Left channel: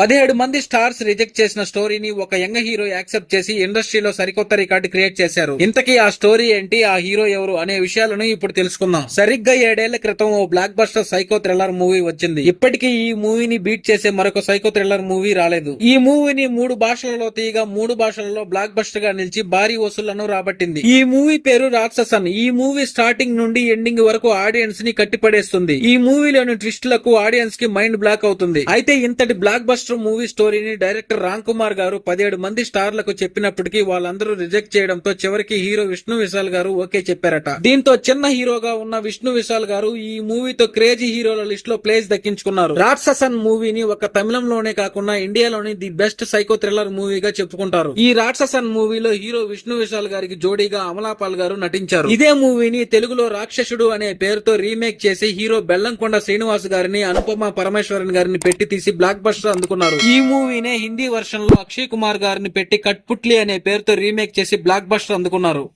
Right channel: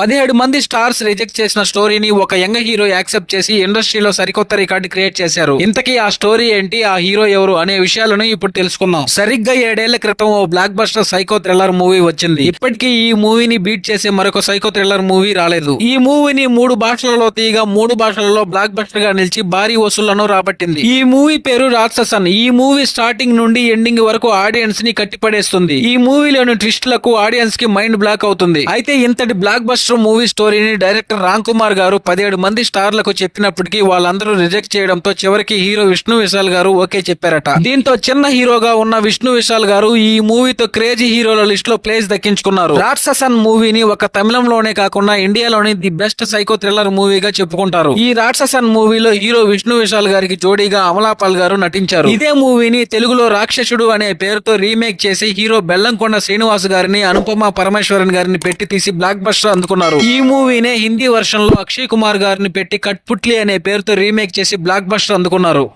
పదిహేడు మంది stars reject చేసిన స్టోరీని ఒక యంగ్ హీరో యాక్సెప్ట్ చేసి ఇండస్ట్రీలో సరికొత్త రికార్డు క్రియేట్ చేశారు. ఇంతకీ ఆ స్టోరీ ఏంటి? ఆ హీరో ఎవరు? అనే విషయాలను ఇప్పుడు తెలుసుకుందాం. సరిగ్గా ఏడేళ్ళ క్రితం ఓ blockbuster psycho thriller movie వచ్చింది. ఇప్పటికీ ఈ మూవీని బీట్ చేసే మరొక సైకో థ్రిల్లర్ మూవీ రాలేదు. ఈ మూవీని మూడు భాషలలో తీయగా మూడు భాషలలో బ్లాక్ బస్టర్గా నిలిచి భారీ వసూళ్ళను రాబట్టింది. ఈ మూవీ పేరు రాక్షసన్. ఈ మూవీ స్టార్టింగ్ నుండి ఎండింగ్ వరకు ఆడియన్స్ని కట్టిపడేస్తుంది. ఈ మూవీలోని ట్విస్ట్లకు ఆడియన్స్కి మైండ్ బ్లాక్ అవుతుంది. అయితే ఇంతటి బ్లాక్ బస్టర్ మూవీ స్టోరీని డైరెక్టర్ రామ్ కుమార్ గారు పదిహేడు మంది స్టార్లకు చెప్పినప్పటికీ వాళ్ళందరూ రిజెక్ట్ చేయడంతో చివరికి హీరో విష్ణు విశాల్ గారు ఓకే చెప్పారట. దీంతో చిన్న హీరోగా ఉన్న విష్ణు విశాల్ గారు ఈ మూవీతో క్రేజీ హీరోల లిస్ట్లో ప్లేస్ దక్కించుకున్నారు. రాక్షసన్ మూవీని ఒక తమిళంలోనే కాకుండా ఇండియాలోని ది బెస్ట్ సైకో థ్రిల్లర్ మూవీగా చెప్పుకుంటారు. ఈ రాక్షసన్ మూవీలో హీరో విష్ణు విశాల్ గారికి జోడీగా అమలాపాల్ గారు నటించారు. ఇదే మూవీని తెలుగులో రాక్షసుడు అనే పేరుతో రీమేక్ చేసి హీరో బెల్లంకొండ శ్రీనివాస్ గారిని అనుపమ పరమేశ్వరన్ గారిని పెట్టి తీసి బ్లాక్ బస్టర్ అందుకున్నారు. ఈ మూవీనే హిందీ వర్షన్లో అక్షయ్ కుమార్ గారిని పెట్టి కట్పుట్లి అనే పేరుతో రీమేక్ చేసి బ్లాక్ బస్టర్ అందుకున్నారు.